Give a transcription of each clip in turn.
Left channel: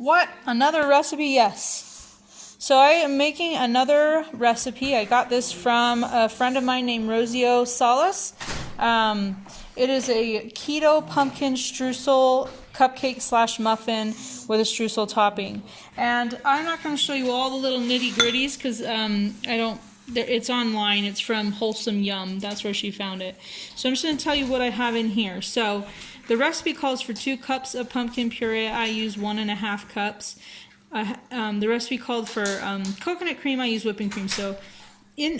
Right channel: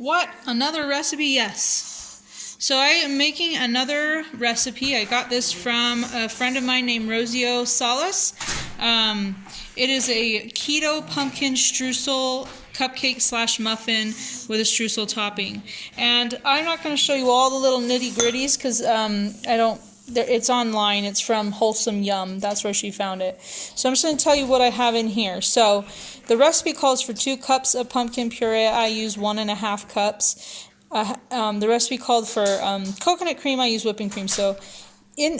What? Another recipe? Yes. So I am making another recipe. I got this from a friend of mine named Rosio Salas. It is a keto pumpkin streusel cupcake slash muffin with a streusel topping. And I'm not going to show you all the little nitty gritties because it's online. It's from Wholesome Yum. That's where she found it. So I'm just going to tell you what I have in here. So the recipe calls for 2 cups of pumpkin puree. I use 1.5 cups. The recipe called for coconut cream. I use whipping cream. So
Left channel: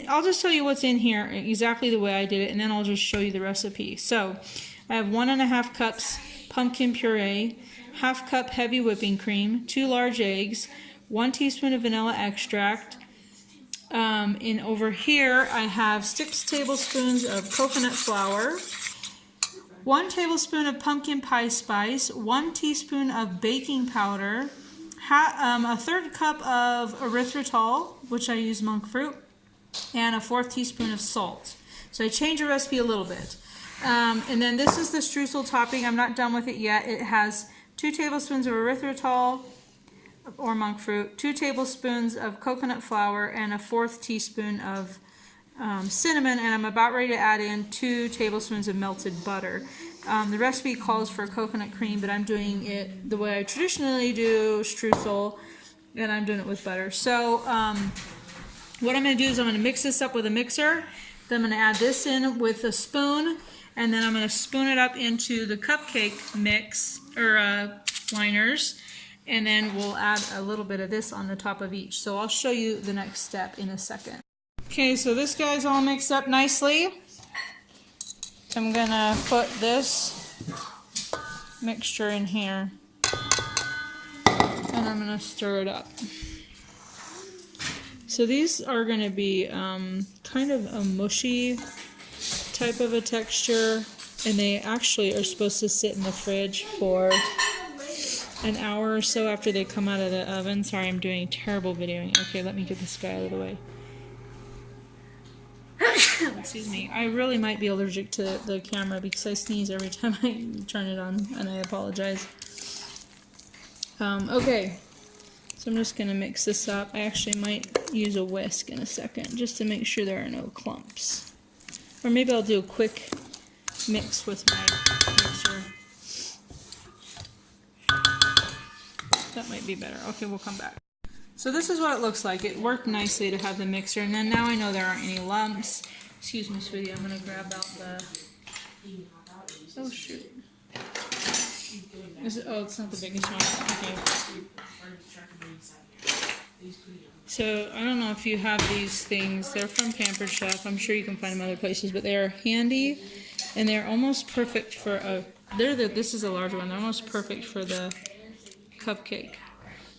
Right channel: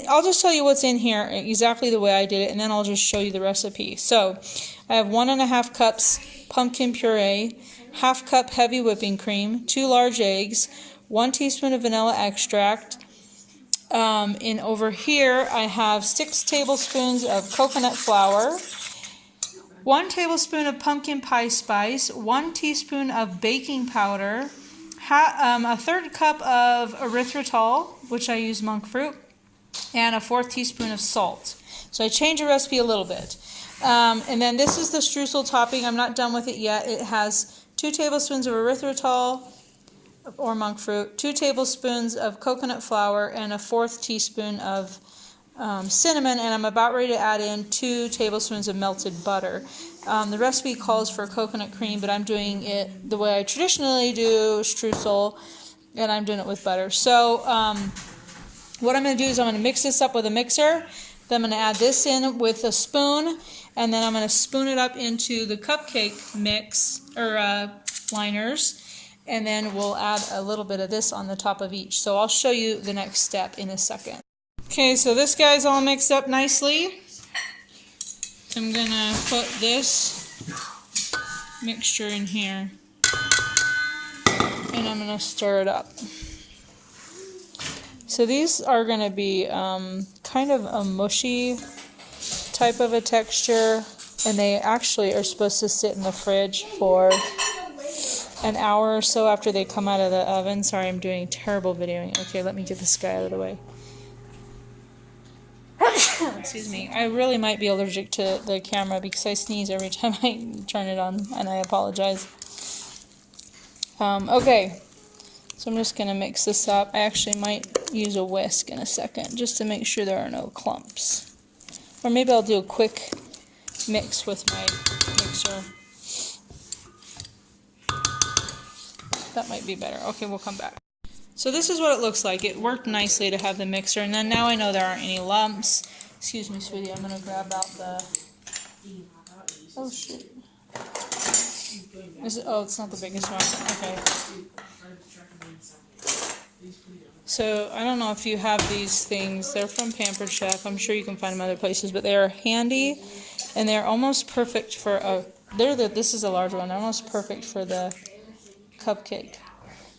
I'll just tell you what's in here exactly the way I did it, and then I'll just show you the recipe. So I have 1.5 cups pumpkin puree, 1/2 cup heavy whipping cream, 2 large eggs, 1 teaspoon of vanilla extract. And over here I have 6 tablespoons of coconut flour, 1 tablespoon of pumpkin pie spice, 1 teaspoon of baking powder, a 1/3 cup of erythritol, which I use monk fruit, and a 1/4 teaspoon of salt. So I changed the recipe a little bit. And then this is the streusel topping. I'm not done with it yet. It has 2 tablespoons of erythritol or monk fruit, 2 tablespoons of coconut flour, and a 1/4 teaspoon of cinnamon, and I'm about ready to add in 2 tablespoons of melted butter. The recipe calls for coconut cream, but I'm doing it the way I traditionally do streusel, and I'm doing it with butter. So what I'm going to do is I'm going to mix this up with a mixer, then I'm going to add this in with a spoon, and then I'm going to spoon it up into the cupcake mix, or liners, and then we'll add a little bit of this on the top of each. So I'll show you the next step in a second. Okay, so this guy's all mixed up nicely. I'm gonna put this mixture in here, and I'm gonna stir it up. So these are gonna be kind of a mushy type of a texture, and they actually are supposed to sit in the fridge for an hour or so after they come out of the oven. Sorry, I'm doing terrible videoing. Okay, let me get this guy out of the way. Excuse me. I really might be allergic to the camera because I sneeze every time I turn it on, and I apologize. Okay, so I'm just going to mix this up. I actually might use a whisk in a second just to make sure there are no clumps. Or maybe I'll do a quick mix with my mixer. That might be better. Okay, we'll come back. So this is what it looks like. It worked nicely to have the mixer, and then now I know there aren't any lumps. Excuse me, sweetie, I'm going to grab out the... Oh, shoot. Is it... Oh, it's not the biggest one. Okay. So, I don't know if you have these things. They're from Pampered Chef. I'm sure you can find them other places, but they are handy, and they're almost perfect for a... This is a large one. They're almost perfect for the cupcake.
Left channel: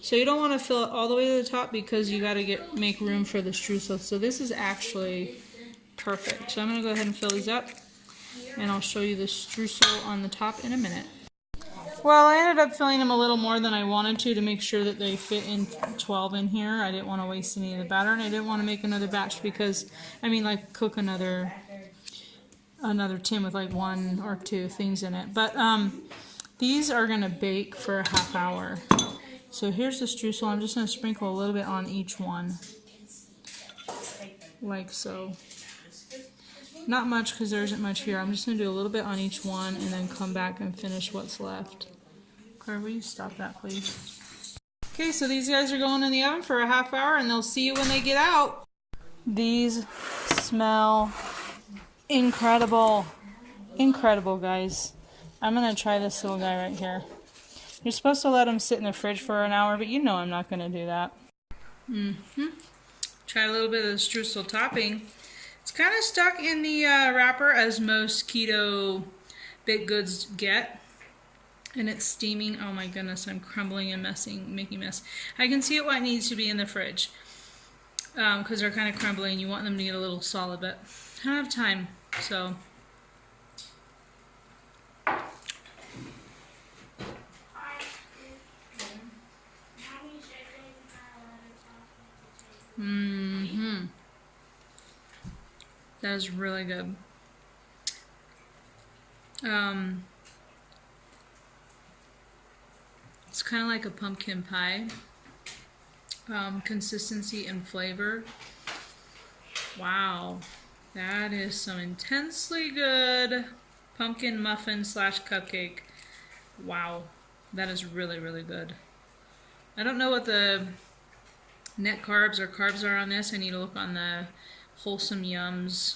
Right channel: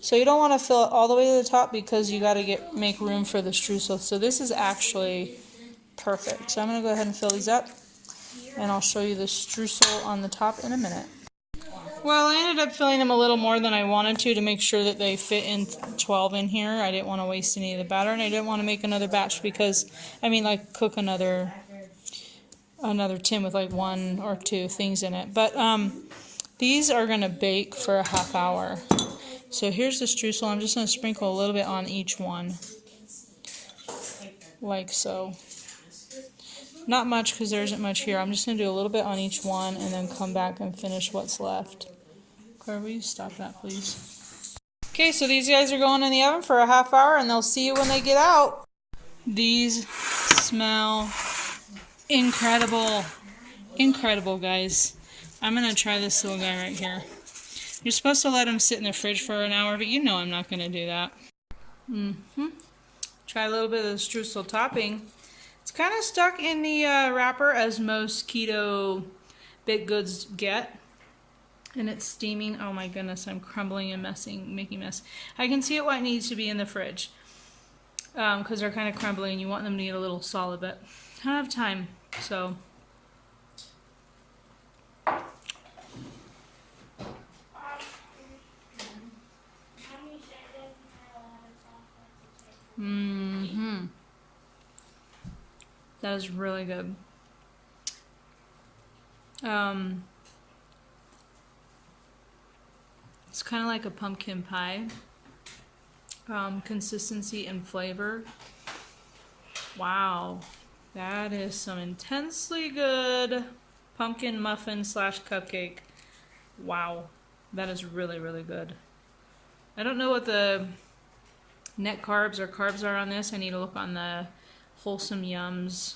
So you don't want to fill it all the way to the top because you got to make room for the streusel. So this is actually perfect. So I'm going to go ahead and fill these up, and I'll show you the streusel on the top in a minute. Well, I ended up filling them a little more than I wanted to make sure that they fit in 12 in here. I didn't want to waste any of the batter, and I didn't want to make another batch because, I mean, like cook another tin with like 1 or 2 things in it. But these are going to bake for a ½ hour. So here's the streusel. I'm just going to sprinkle a little bit on each one, like so. Not much because there isn't much here. I'm just going to do a little bit on each one and then come back and finish what's left. Claire, will you stop that, please? Okay, so these guys are going in the oven for a ½ hour, and they'll see you when they get out. These smell incredible. Incredible, guys. I'm going to try this little guy right here. You're supposed to let them sit in the fridge for an hour, but you know I'm not going to do that. Try a little bit of the streusel topping. It's kind of stuck in the wrapper, as most keto baked goods get. And it's steaming. Oh my goodness, I'm crumbling and making a mess. I can see why it needs to be in the fridge. Because they're kind of crumbly and you want them to get a little solid, but I don't have time, so... That is really good. It's kind of like a pumpkin pie consistency and flavor. Wow, that is some intensely good pumpkin muffin slash cupcake. Wow, that is really, really good. I don't know what the net carbs or carbs are on this. I need to look on the Wholesome Yums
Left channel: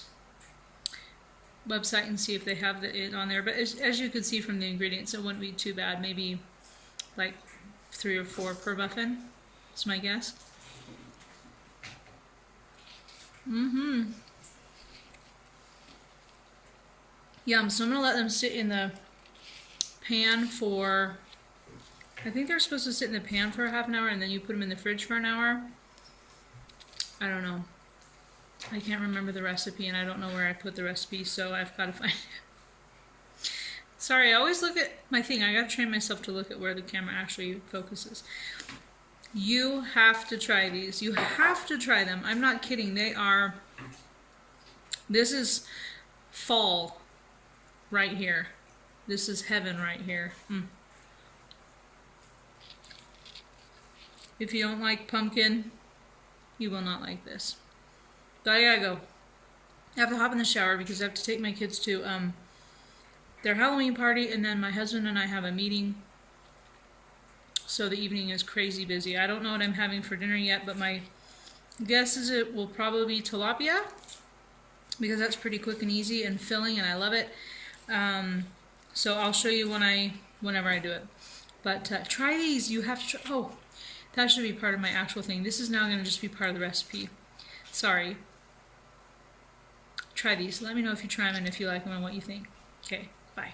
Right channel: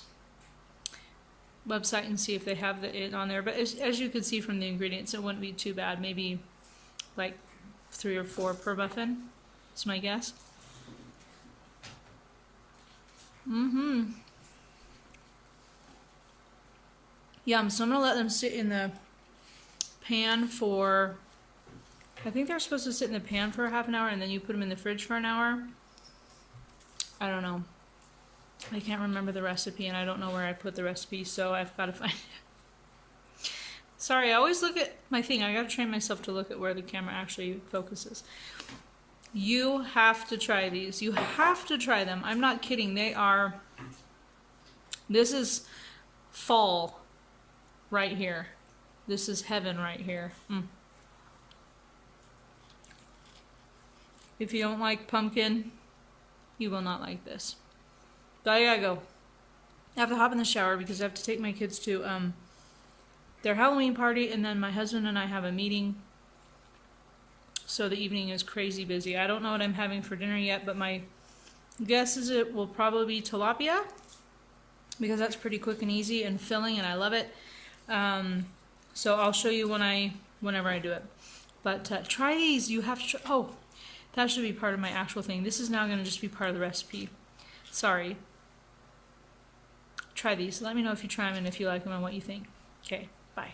website and see if they have it on there. But as you can see from the ingredients, it wouldn't be too bad. Maybe like 3 or 4 per muffin. That's my guess. Yum. So I'm going to let them sit in the pan for, I think they're supposed to sit in the pan for a half an hour and then you put them in the fridge for an hour. I don't know. I can't remember the recipe and I don't know where I put the recipe, so I've got to find it. Sorry, I always look at my thing. I got to train myself to look at where the camera actually focuses. You have to try these. You have to try them. I'm not kidding. They are, this is fall right here. This is heaven right here. If you don't like pumpkin, you will not like this. So I gotta go. I have to hop in the shower because I have to take my kids to their Halloween party, and then my husband and I have a meeting. So the evening is crazy busy. I don't know what I'm having for dinner yet, but my guess is it will probably be tilapia because that's pretty quick and easy and filling, and I love it. So I'll show you whenever I do it. But try these. You have to. Oh, that should be part of my actual thing. This is now going to just be part of the recipe. Sorry. Try these. Let me know if you try them and if you like them and what you think. Okay, bye.